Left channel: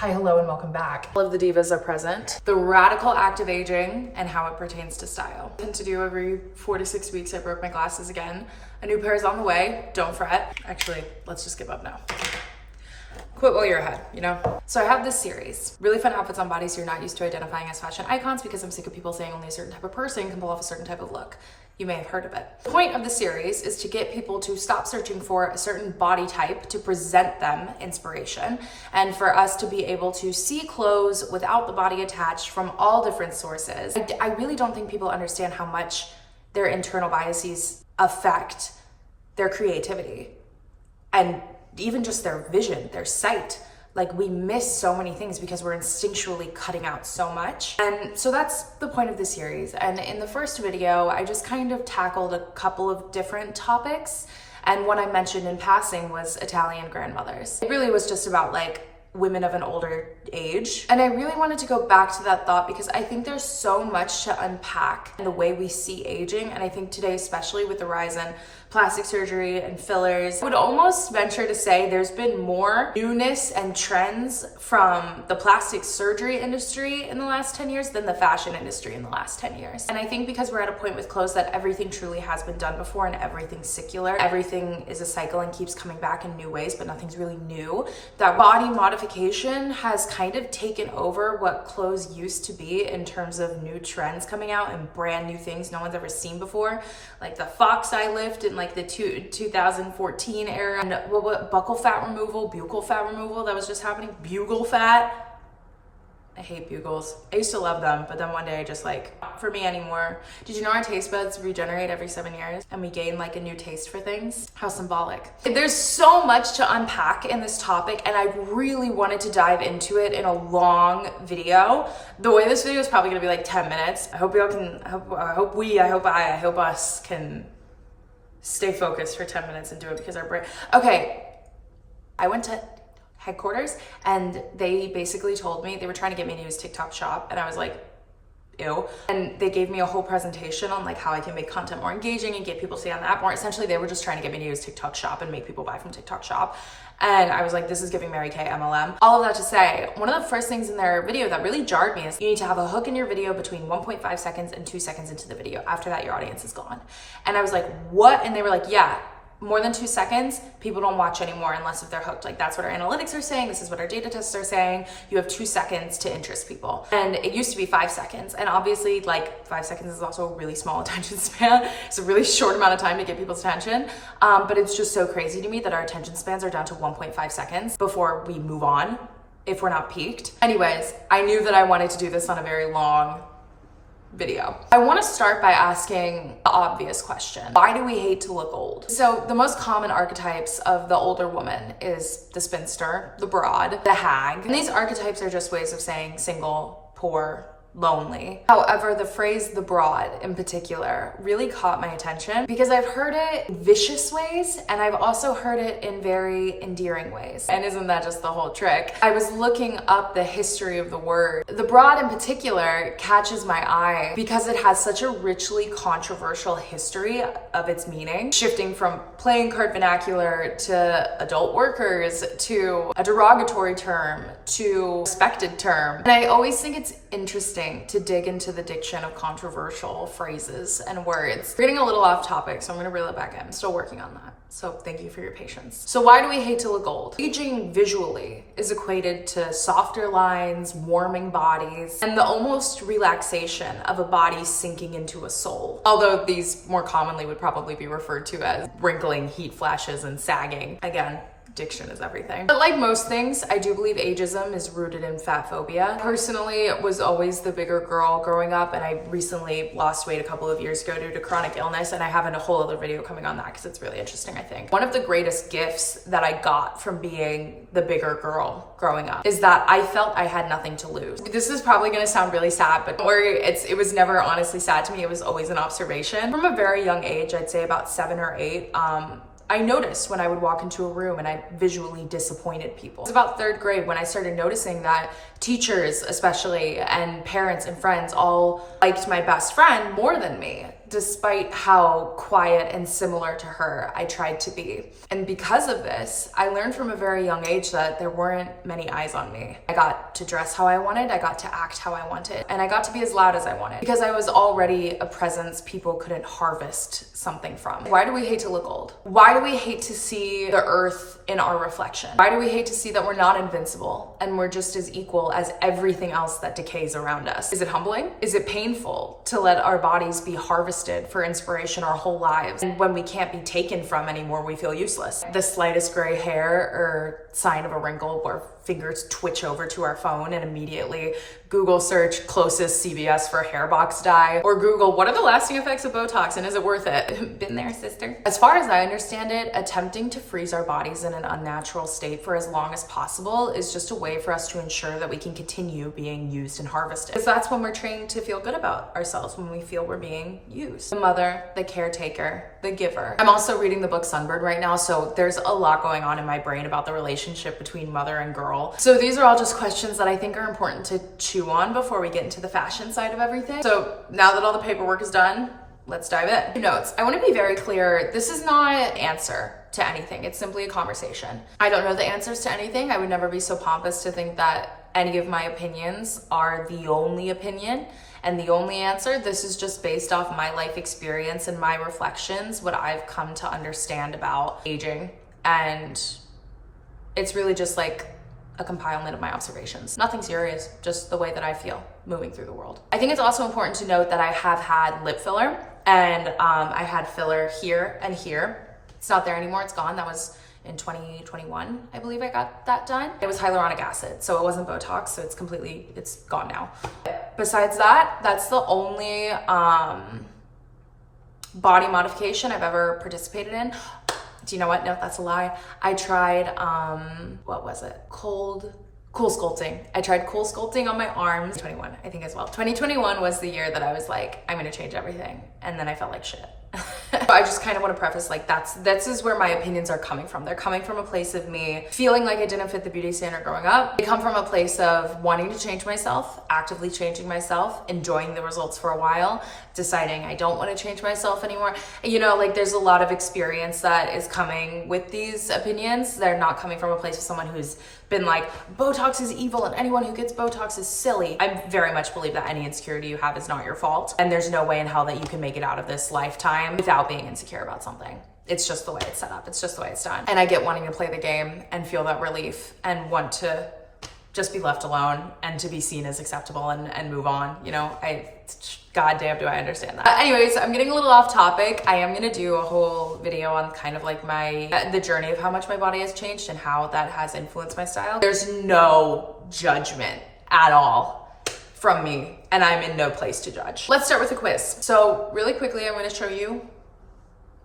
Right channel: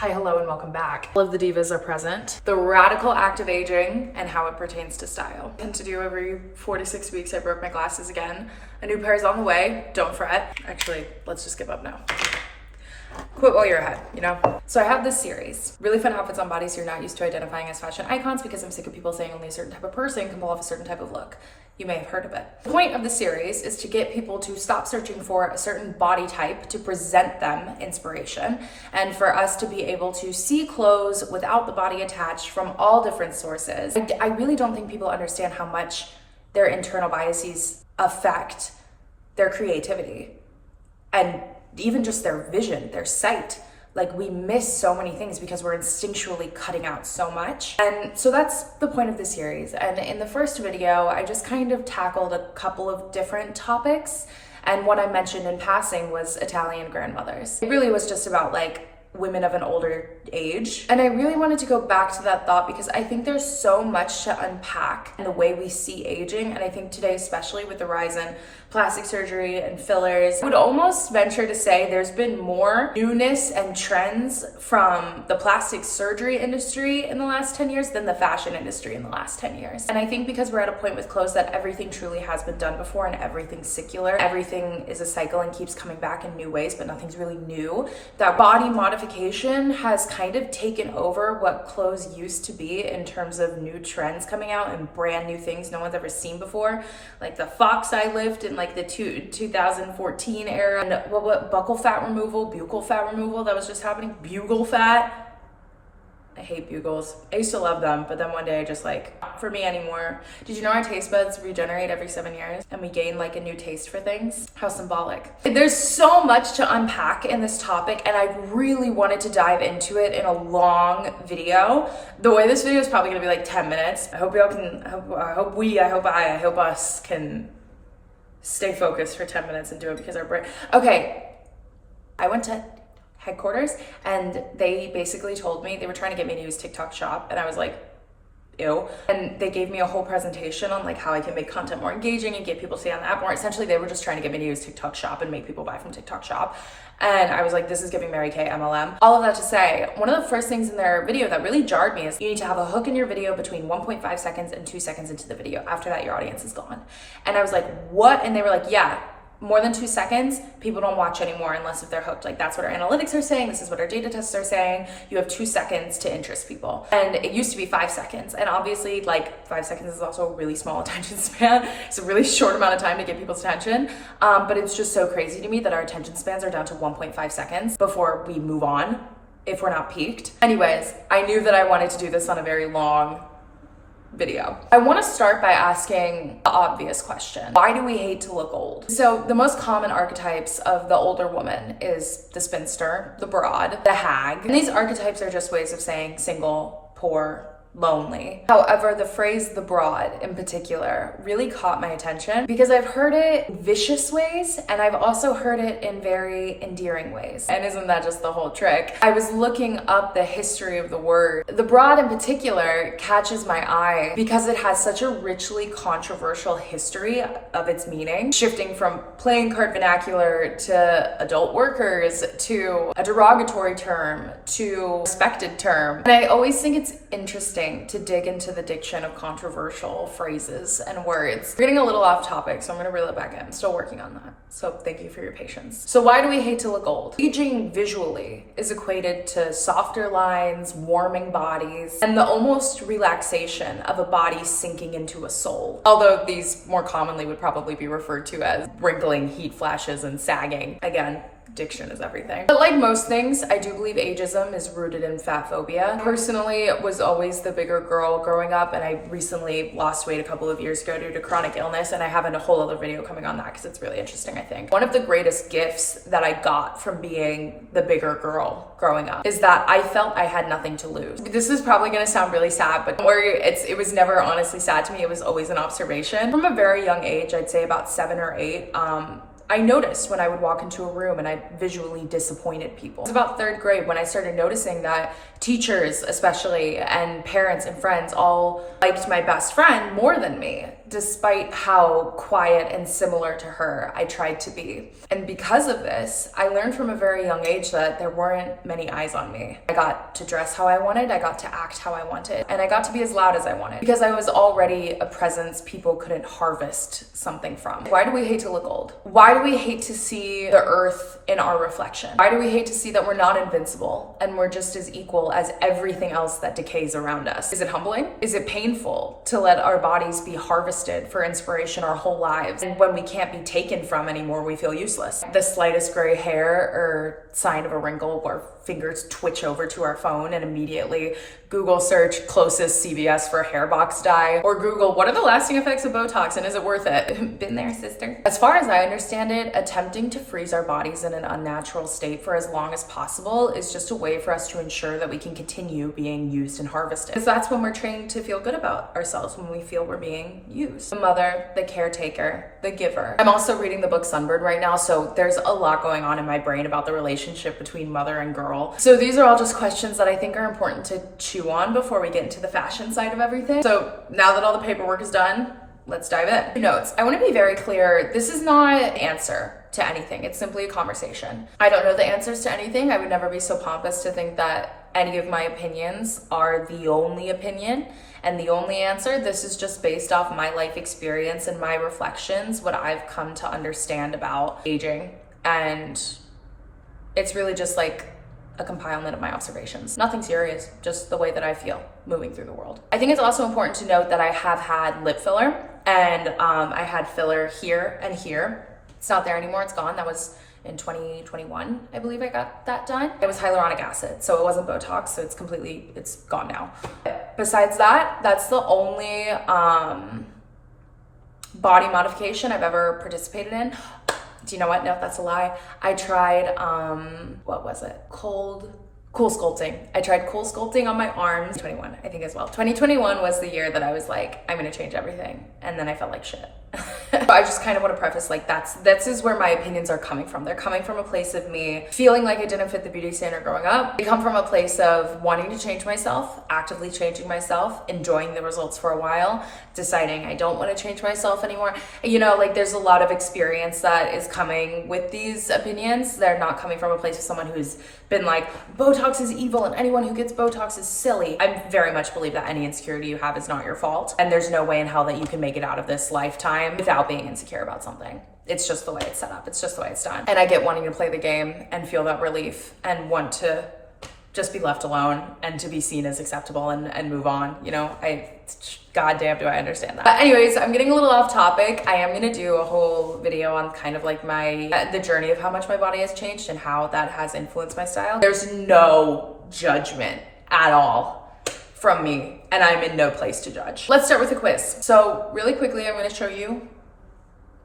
Hi, hello, and welcome back. All of the divas are present. The radical act of aging and how it pertains to style. I tend to do every 4 to 6 weeks. I broke my glasses again. A new pair is on the way, don't fret. Actually, let's just give up now. Quit while you're ahead, you know? So I have this series, really fun outfits on bodies you're not used to identifying as fashion icons, because I'm sick of people saying only a certain type of person can pull off a certain type of look. You may have heard of it. The point of the series is to get people to stop searching for a certain body type to present them inspiration, and for us to be able to see clothes without the body attached from all different sources. I really don't think people understand how much their internal biases affect their creativity and even just their vision, their sight. Like, we miss so many things because we're instinctually cutting out so much. And so that's the point of the series. And in the first video, I just kind of tackled a couple of different topics. And one I mentioned in passing was Italian grandmothers. It really was just about like women of an older age. And I really wanted to go back to that thought because I think there's so much to unpack in the way we see aging. And I think today, especially with the rise in plastic surgery and fillers, I would almost venture to say there's been more newness and trends from the plastic surgery industry in the last 10 years than the fashion industry in the last 10 years. And I think because we're at a point with clothes that everything truly has been done before and everything's secular, everything is a cycle and keeps coming back in new ways, but nothing's really new, that body modification has kind of taken over what clothes used to be in terms of new trends coming out and brand new things no one's ever seen before, like the fox eye lift and like the 2014 era, and what buccal fat removal, buccal fat removal that was just happening, bugle fat. I hate bugles. I used to love them, but then one day I just like, not for me anymore. Did you know our taste buds regenerate every 7 years and we gain like a new taste for things? How symbolic. There's so much to unpack in this topic, and I really wanted to dive into it in a long video. The way this video is probably gonna be like 10 minutes. I hope y'all can, I hope us can stay focused for 10 minutes and do it because our brain. Okay, I went to headquarters and they basically told me they were trying to get me to use TikTok Shop, and I was like, ew. And they gave me a whole presentation on like how I can make content more engaging and get people to stay on the app more. Essentially, they were just trying to get me to use TikTok Shop and make people buy from TikTok Shop. And I was like, this is giving Mary Kay MLM. All of that to say, one of the first things in their video that really jarred me is you need to have a hook in your video between 1.5 seconds and 2 seconds into the video. After that, your audience is gone. And I was like, what? And they were like, yeah, more than 2 seconds, people don't watch anymore unless if they're hooked. Like, that's what our analytics are saying. This is what our data tests are saying. You have 2 seconds to interest people. And it used to be 5 seconds. And obviously, like, 5 seconds is also a really small attention span. It's a really short amount of time to get people's attention. But it's just so crazy to me that our attention spans are down to 1.5 seconds before we move on if we're not peaked. Anyways, I knew that I wanted to do this on a very long video. I want to start by asking the obvious question. Why do we hate to look old? So the most common archetypes of the older woman is the spinster, the broad, the hag. And these archetypes are just ways of saying single, poor, lonely. However, the phrase the broad in particular really caught my attention because I've heard it in vicious ways and I've also heard it in very endearing ways. And isn't that just the whole trick? I was looking up the history of the word. The broad in particular catches my eye because it has such a richly controversial history of its meaning, shifting from playing card vernacular to adult workers to a derogatory term to respected term. And I always think it's interesting to dig into the diction of controversial phrases and words. We're getting a little off topic, so I'm gonna reel it back in. I'm still working on that. So thank you for your patience. So why do we hate to look old? Aging visually is equated to softer lines, warming bodies, and the almost relaxation of a body sinking into a soul. Although these more commonly would probably be referred to as wrinkling, heat flashes, and sagging. Again, diction is everything. But like most things, I do believe ageism is rooted in fat phobia. Personally, was always the bigger girl growing up, and I recently lost weight a couple of years ago due to chronic illness, and I have a whole other video coming on that because it's really interesting, I think. One of the greatest gifts that I got from being the bigger girl growing up is that I felt I had nothing to lose. This is probably gonna sound really sad, but it was never honestly sad to me. It was always an observation. From a very young age, I'd say about 7 or 8, I noticed when I would walk into a room and I visually disappointed people. It was about 3rd grade when I started noticing that teachers especially and parents and friends all liked my best friend more than me. despite how quiet and similar to her I tried to be. And because of this, I learned from a very young age that there weren't many eyes on me. I got to dress how I wanted, I got to act how I wanted, and I got to be as loud as I wanted because I was already a presence people couldn't harvest something from. Why do we hate to look old? Why do we hate to see the earth in our reflection? Why do we hate to see that we're not invincible and we're just as equal as everything else that decays around us? Is it humbling? Is it painful to let our bodies be harvested for inspiration our whole lives? And when we can't be taken from anymore, we feel useless. The slightest gray hair or sign of a wrinkle, our fingers twitch over to our phone and immediately Google search closest CVS for hair box dye, or Google what are the lasting effects of Botox and is it worth it? Been there, sister. As far as I understand it, attempting to freeze our bodies in an unnatural state for as long as possible is just a way for us to ensure that we can continue being used and harvested. Because that's when we're trained to feel good about ourselves, when we feel we're being used. The mother, the caretaker, the giver. I'm also reading the book Sunbird right now, so there's a lot going on in my brain about the relationship between mother and girl. So these are all just questions that I think are important to chew on before we get into the fashion side of everything. So now that all the paperwork is done, let's dive in. Notes. I want to be very clear. This is not an answer to anything. It's simply a conversation. I don't know the answers to anything. I would never be so pompous to think that any of my opinions are the only opinion and the only answer. This is just based off my life experience and my reflections, what I've come to understand about aging. And it's really just like a compilement of my observations. Nothing serious, just the way that I feel moving through the world. I think it's also important to note that I have had lip filler, and I had filler here and here. It's not there anymore, it's gone. That was in 2021, I believe I got that done. It was hyaluronic acid, so it wasn't Botox, so it's gone now. Besides that, that's the only body modification I've ever participated in. Do you know what? No, that's a lie. I tried, what was it? Cool sculpting. I tried cool sculpting on my arms. 21, I think as well. 2021 was the year that I was like, I'm gonna change everything. And then I felt like shit. I just kind of want to preface, like, this is where my opinions are coming from. They're coming from a place of me feeling like I didn't fit the beauty standard growing up. They come from a place of wanting to change myself, actively changing myself, enjoying the results for a while, deciding I don't want to change myself anymore. You know, like, there's a lot of experience that is coming with these opinions. They're not coming from a place of someone who's been like, Botox is evil and anyone who gets Botox is silly. I very much believe that any insecurity you have is not your fault. And there's no way in hell that you can make it out of this lifetime without being insecure about something. It's just the way it's set up. It's just the way it's done. And I get wanting to play the game and feel that relief and want to just be left alone and to be seen as acceptable and move on. You know, goddamn, do I understand that. Anyways, I'm getting a little off topic. I am gonna do a whole video on kind of like the journey of how much my body has changed and how that has influenced my style. There's no judgment at all from me, and I'm in no place to judge. Let's start with a quiz. So really quickly, I'm gonna show you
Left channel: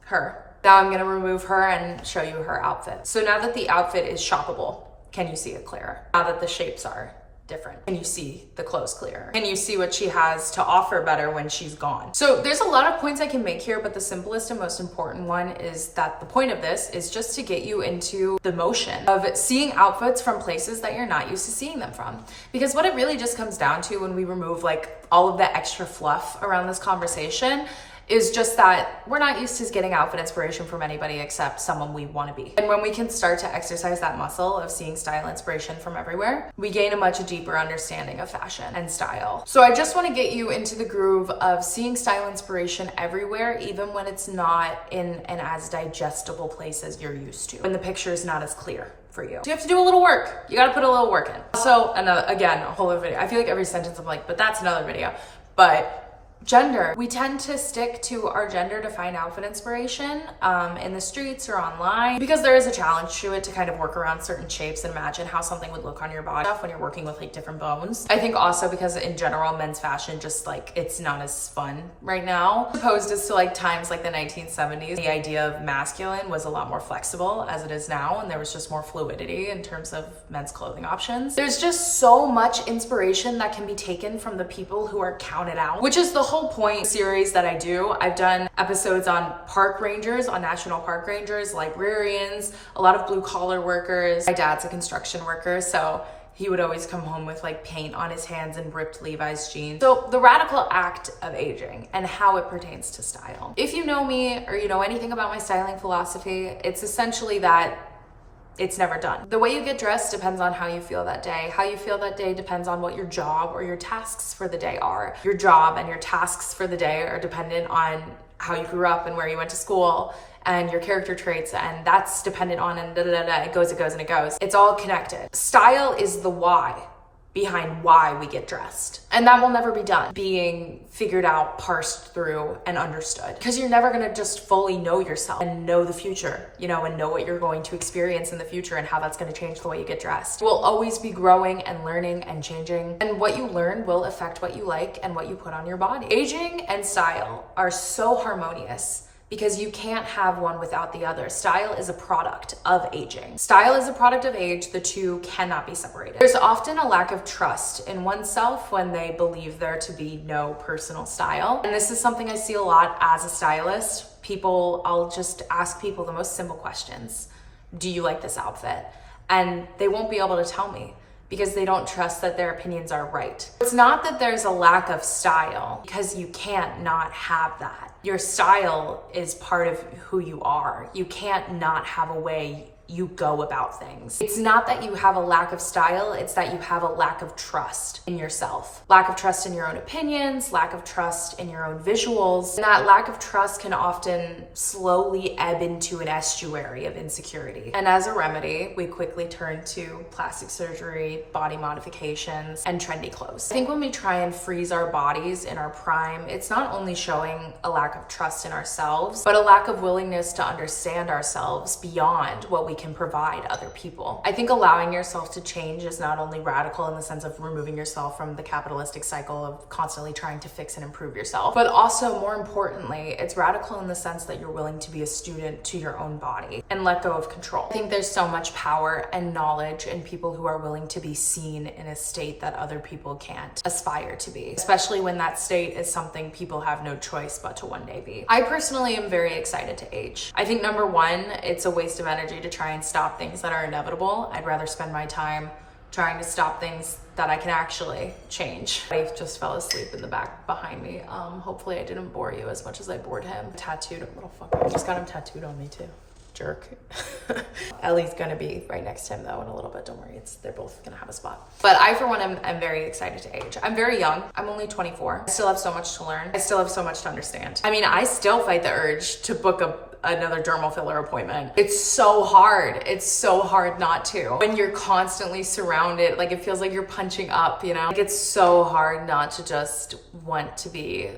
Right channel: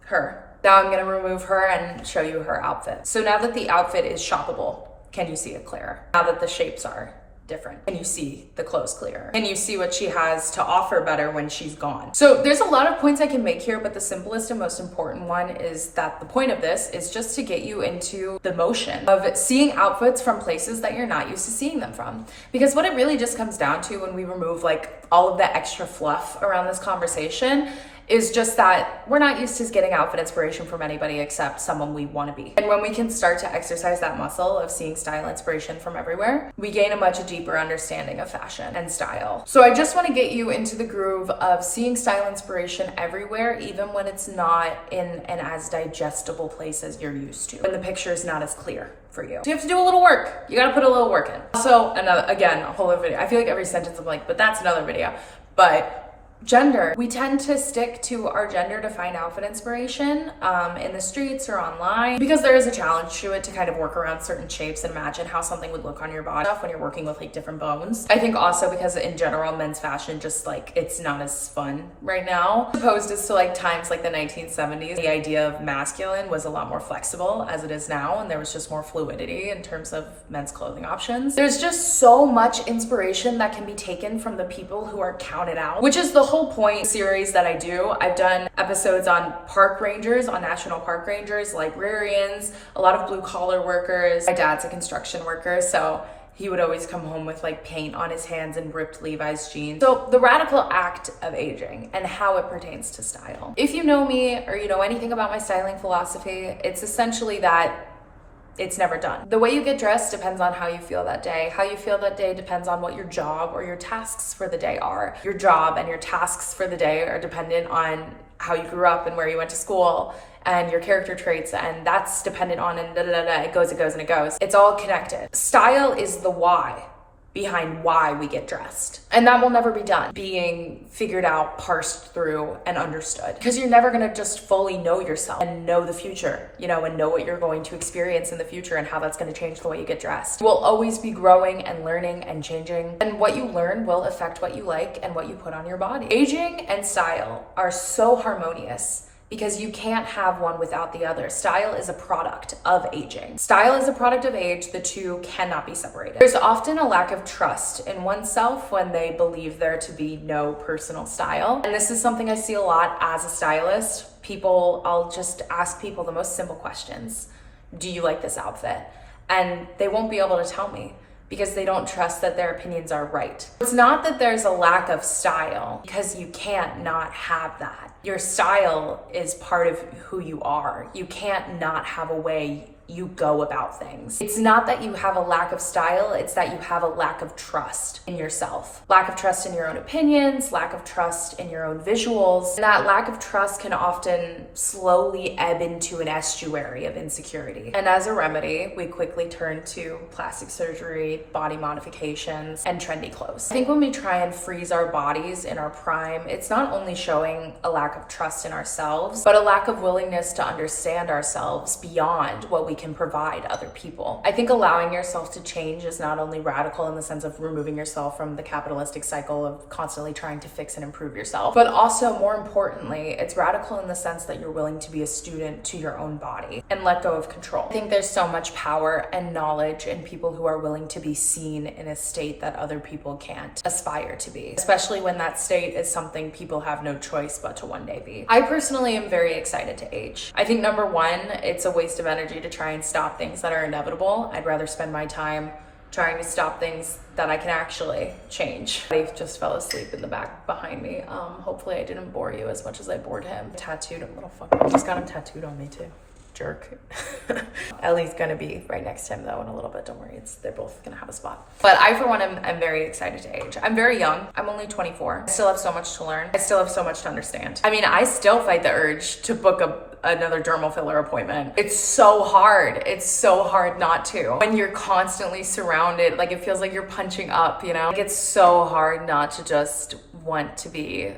her. Now I'm gonna remove her and show you her outfit. So now that the outfit is shoppable, can you see it clearer? Now that the shapes are different, can you see the clothes clearer? Can you see what she has to offer better when she's gone? So there's a lot of points I can make here, but the simplest and most important one is that the point of this is just to get you into the motion of seeing outfits from places that you're not used to seeing them from. Because what it really just comes down to when we remove like all of the extra fluff around this conversation is just that we're not used to getting outfit inspiration from anybody except someone we want to be. And when we can start to exercise that muscle of seeing style inspiration from everywhere, we gain a much deeper understanding of fashion and style. So I just want to get you into the groove of seeing style inspiration everywhere, even when it's not in an as digestible place as you're used to, when the picture is not as clear for you. So you have to do a little work. You got to put a little work in. So again, a whole other video. I feel like every sentence I'm like, but that's another video. But gender. We tend to stick to our gender defined outfit inspiration in the streets or online because there is a challenge to it to kind of work around certain shapes and imagine how something would look on your body when you're working with like different bones. I think also because in general, men's fashion just like, it's not as fun right now. Opposed as to like times like the 1970s, the idea of masculine was a lot more flexible as it is now, and there was just more fluidity in terms of men's clothing options. There's just so much inspiration that can be taken from the people who are counted out, which is the whole point series that I do. I've done episodes on park rangers, on national park rangers, librarians, a lot of blue collar workers. My dad's a construction worker, so he would always come home with like paint on his hands and ripped Levi's jeans. So the radical act of aging and how it pertains to style. If you know me or you know anything about my styling philosophy, it's essentially that it's never done. The way you get dressed depends on how you feel that day. How you feel that day depends on what your job or your tasks for the day are. Your job and your tasks for the day are dependent on how you grew up and where you went to school and your character traits, and that's dependent on, and it goes, and it goes. It's all connected. Style is the why behind why we get dressed. And that will never be done, being figured out, parsed through, and understood. Because you're never gonna just fully know yourself and know the future, you know, and know what you're going to experience in the future and how that's gonna change the way you get dressed. You will always be growing and learning and changing, and what you learn will affect what you like and what you put on your body. Aging and style are so harmonious because you can't have one without the other. Style is a product of aging. Style is a product of age. The two cannot be separated. There's often a lack of trust in oneself when they believe there to be no personal style. And this is something I see a lot as a stylist. I'll just ask people the most simple questions. Do you like this outfit? And they won't be able to tell me, because they don't trust that their opinions are right. It's not that there's a lack of style, because you can't not have that. Your style is part of who you are. You can't not have a way you go about things. It's not that you have a lack of style, it's that you have a lack of trust in yourself. Lack of trust in your own opinions, lack of trust in your own visuals. And that lack of trust can often slowly ebb into an estuary of insecurity. And as a remedy, we quickly turn to plastic surgery, body modifications, and trendy clothes. I think when we try and freeze our bodies in our prime, it's not only showing a lack of trust in ourselves, but a lack of willingness to understand ourselves beyond what we can provide other people. I think allowing yourself to change is not only radical in the sense of removing yourself from the capitalistic cycle of constantly trying to fix and improve yourself, but also more importantly, it's radical in the sense that you're willing to be a student to your own body and let go of control. I think there's so much power and knowledge in people who are willing to be seen in a state that other people can't aspire to be, especially when that state is something people have no choice but to one day be. I personally am very excited to age. I think number one, it's a waste of energy to try and stop things that are inevitable. I'd rather spend my time trying to stop things that I can actually change. Dave just fell asleep in the back behind me. Hopefully I didn't bore you as much as I bored him. Tattooed, a little fucker. I just got him tattooed on me too. Jerk. Ellie's gonna be right next to him though in a little bit, don't worry, they're both gonna have a spot. But I for one am very excited to age. I'm very young, I'm only 24. I still have so much to learn. I still have so much to understand. I mean, I still fight the urge to book another dermal filler appointment. It's so hard not to. When you're constantly surrounded, like it feels like you're punching up, you know? Like it's so hard not to just want to be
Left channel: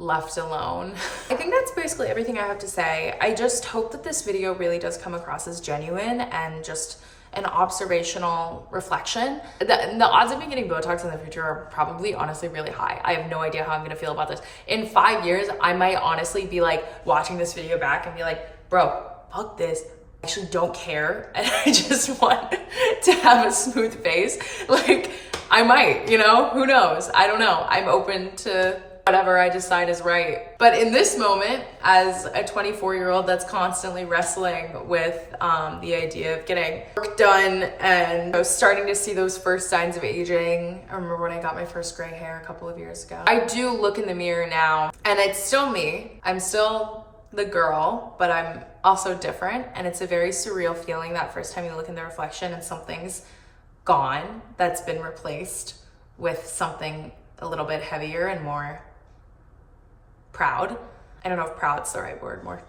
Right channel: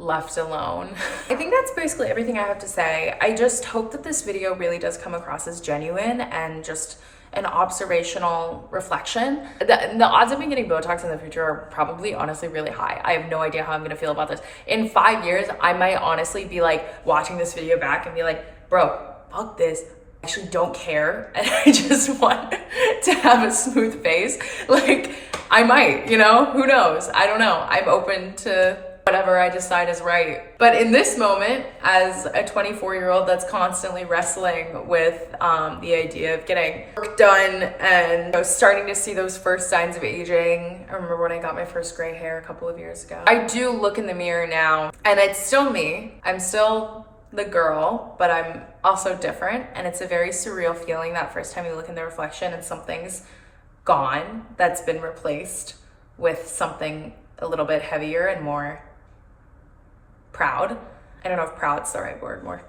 left alone. I think that's basically everything I have to say. I just hope that this video really does come across as genuine and just an observational reflection. The odds of me getting Botox in the future are probably honestly really high. I have no idea how I'm gonna feel about this. In 5 years, I might honestly be like watching this video back and be like, bro, fuck this. I actually don't care and I just want to have a smooth face. Like I might, you know, who knows? I don't know. I'm open to whatever I decide is right. But in this moment, as a 24-year-old that's constantly wrestling with the idea of getting work done and starting to see those first signs of aging. I remember when I got my first gray hair a couple of years ago. I do look in the mirror now and it's still me. I'm still the girl, but I'm also different. And it's a very surreal feeling that first time you look in the reflection and something's gone that's been replaced with something a little bit heavier and more proud. I don't know if proud's the right word, more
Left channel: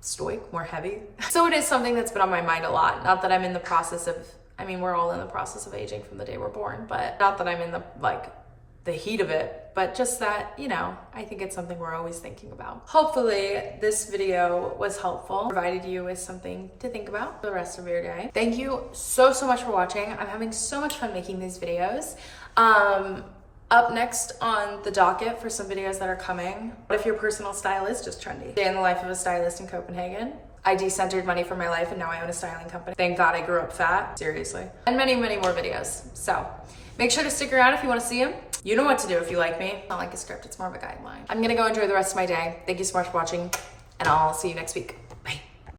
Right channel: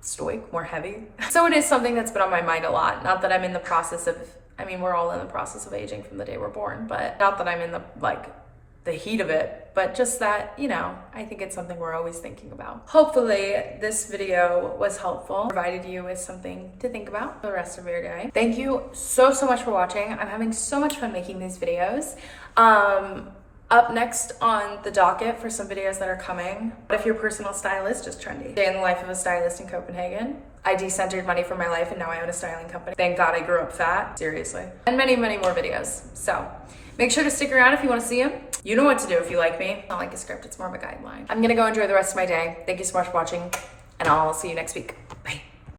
stoic, more heavy. So it is something that's been on my mind a lot. Not that I'm in the process of, I mean, we're all in the process of aging from the day we're born, but not that I'm in the heat of it, but just that, you know, I think it's something we're always thinking about. Hopefully this video was helpful, provided you with something to think about for the rest of your day. Thank you so much for watching. I'm having so much fun making these videos. Up next on the docket for some videos that are coming, what if your personal style is just trendy? Day in the life of a stylist in Copenhagen. I decentered money from my life and now I own a styling company. Thank God I grew up fat, seriously. And many more videos. So make sure to stick around if you want to see them. You know what to do if you like me. It's not like a script, it's more of a guideline. I'm gonna go enjoy the rest of my day. Thank you so much for watching and I'll see you next week.